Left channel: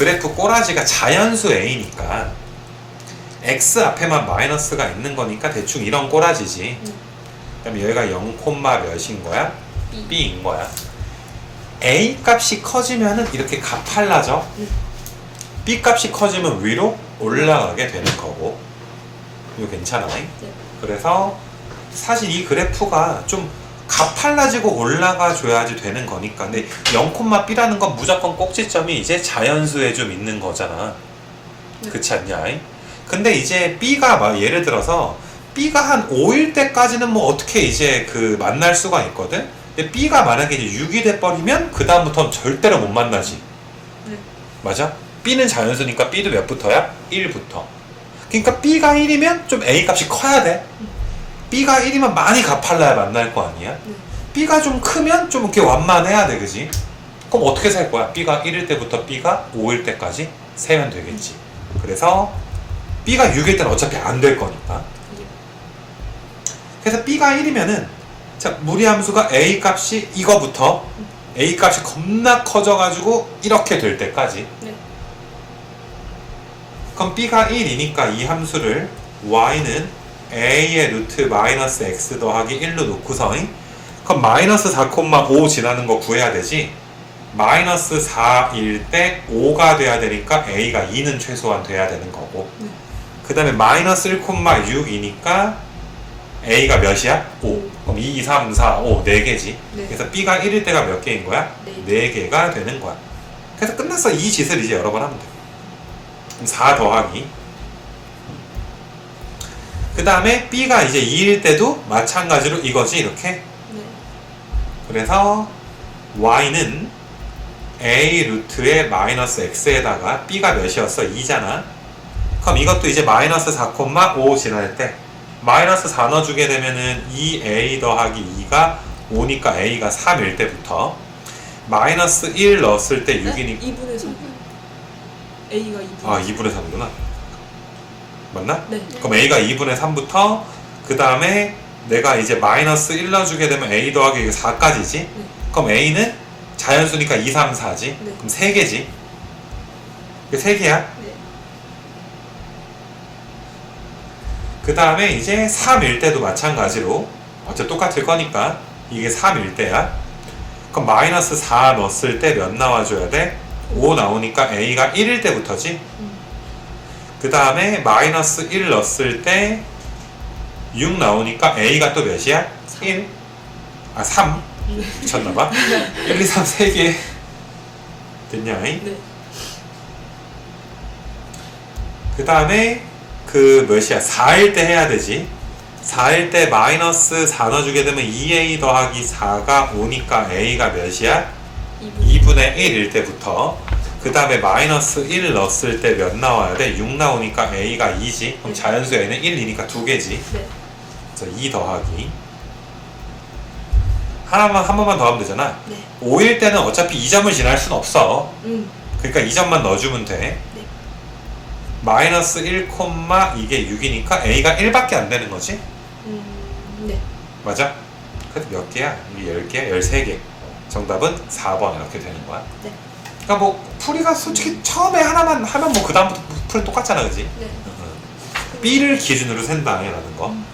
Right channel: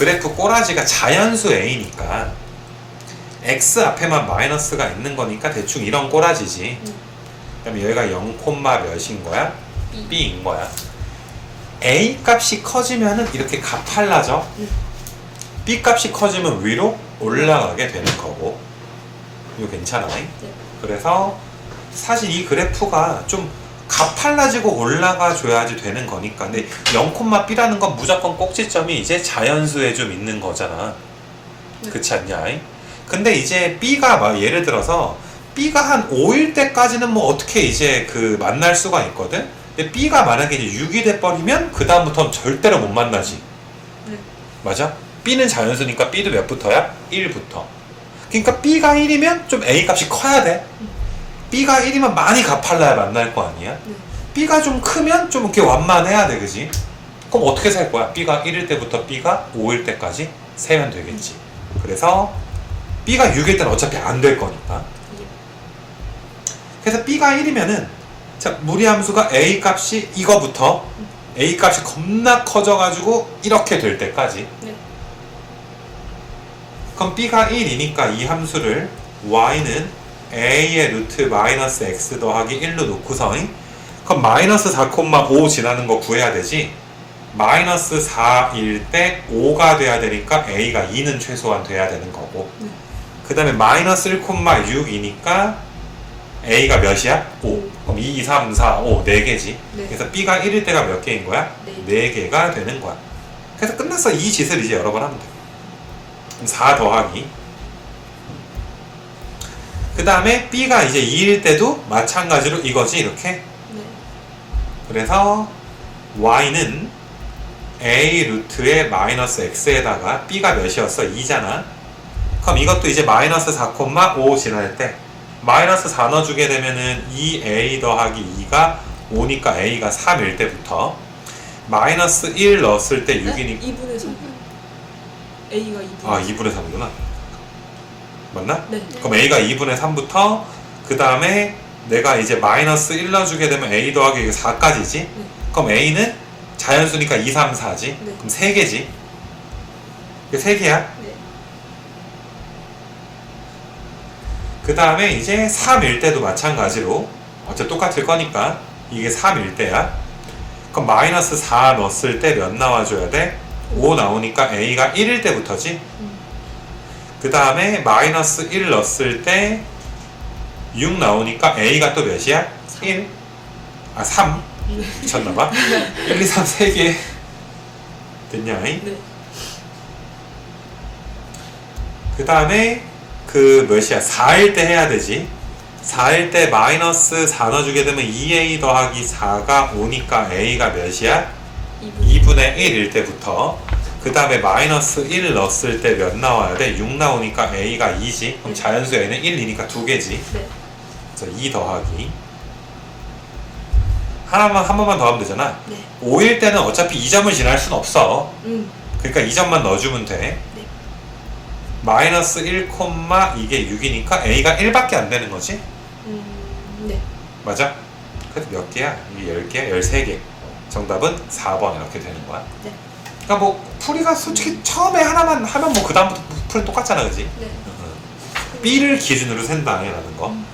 그래프 꼬라지가 자연수 A니까 X 앞에만 마이너스가 있는 거니까 대충 이런 꼬라지지. 그다음에 여기가 0, 몇인 거야? B. B인 거야. A 값이 커지면은 이렇게 가팔라져. B 값이 커지면 위로 올라가게 되는 거고. 이거 괜찮아? 그래서 사실 이 그래프가 좀 가팔라지고 올라가 줘야지 되는 거니까. 근데 0,B라는 건 무조건 꼭지점이 이제 자연수에 좀 있는 거잖아. 네. 그렇지 않냐? 근데 이제 B가 막 예를 들어서 B가 한 5일 때까지는 뭐 어떻게 이제 그 만날 수가 있거든? 근데 B가 만약에 이제 6이 돼버리면 그다음부터는 절대로 못 만나지. 네. 맞아? B는 자연수니까 B도 몇 부터야? 1부터. 그러니까 B가 1이면 좀 A 값이 커야 돼. B가 1이면 많이 가팔라야 만날 거 아니야? B가 좀 크면 좀 이렇게 완만해야 돼, 그지? 그럼 어떻게 살 거야? B가 1일 때부터 B가 5일 때까지 세면 되겠지. 그래서 B가 6일 때는 어차피 안 될 거니까. 그래서 B가 1이면은 자, 무리함수가 A 값이 이거부터 A 값이 겁나 커져가지고 이렇게 될 때까지. 네. 그럼 B가 1이니까 이 함수를 Y는 A의 루트 마이너스 X 더하기 1로 놓고서 그럼 마이너스 4,5 지나는 거 구해야 되지 마이너스 4일 때 5가 돼야 되니까 A가 2는 최소한 돼야 되는 거고 네. 그 다음에 마이너스 1,6이니까 A가 몇이야? 5 그럼 2, 2, 3, 4, 5 4개지 네. 그래서 B가 1일 때가 몇 개인 거야? 네. 4개가 되는 거야 그래서 끝났어 이 짓을 이제 여러 번 하면 돼 그럼 4 더하기 그 다음에 B가 이제 2일 때도 마찬가지로 이거지 이렇게 네. 그래서 Y는 A 루트의 마이너스 X에다가 B가 몇이었어? 2잖아 그럼 이것도 이제 마이너스 4,5 지날 때 마이너스 4 넣어주게 되면은 2A 더하기 2가 5니까 A가 3일 때부터 마이너스 1 넣었을 때 6이니까 2분의 3. A가 2분의 아 2분의 3구나 맞나? 네. 그럼 A가 2분의 3부터 그 다음에 내가 이제 마이너스 1 넣어주게 되면 A 더하기 4까지지 그럼 A는 자연수니까 2, 3, 4지 네. 그럼 3개지 3개야 네. 그 다음에 이제 3일 때도 마찬가지로 어차피 똑같을 거니까 이게 3일 때야 그럼 마이너스 4 넣었을 때 몇 나와줘야 돼? 5 나오니까 A가 1일 때부터지 음. 그 다음에 마이너스 1 넣었을 때 6 나오니까 A가 또 몇이야? 1 아 3 미쳤나봐 1, 2, 3, 3개 됐냐? 네. 그 다음에 그 몇이야? 4일 때 해야 되지. 4일 때 마이너스 4 넣어주게 되면 2a 더하기 4가 5니까 a가 몇이야? 2분의 1일 때부터. 그 다음에 마이너스 1 넣었을 때 몇 나와야 돼? 6 나오니까 a가 2지. 그럼 자연수 a는 1이니까 두 개지. 네. 그래서 2 더하기. 하나만, 한 번만 더 하면 되잖아. 네. 5일 때는 어차피 2점을 지날 순 없어. 음. 그러니까 2점만 넣어주면 돼. 네. 마이너스 1, 이게 6이니까 a가 1밖에 안 되는 거지? 음. 네. 맞아? 그래도 몇 개야? 이게 10개? 13개. 정답은 4번 이렇게 되는 거야. 네. 그러니까 뭐 풀이가 솔직히 처음에 하나만 하면 뭐 그 다음부터 풀 똑같잖아, 그지? 네. B를 기준으로 센다 라는 거. 음.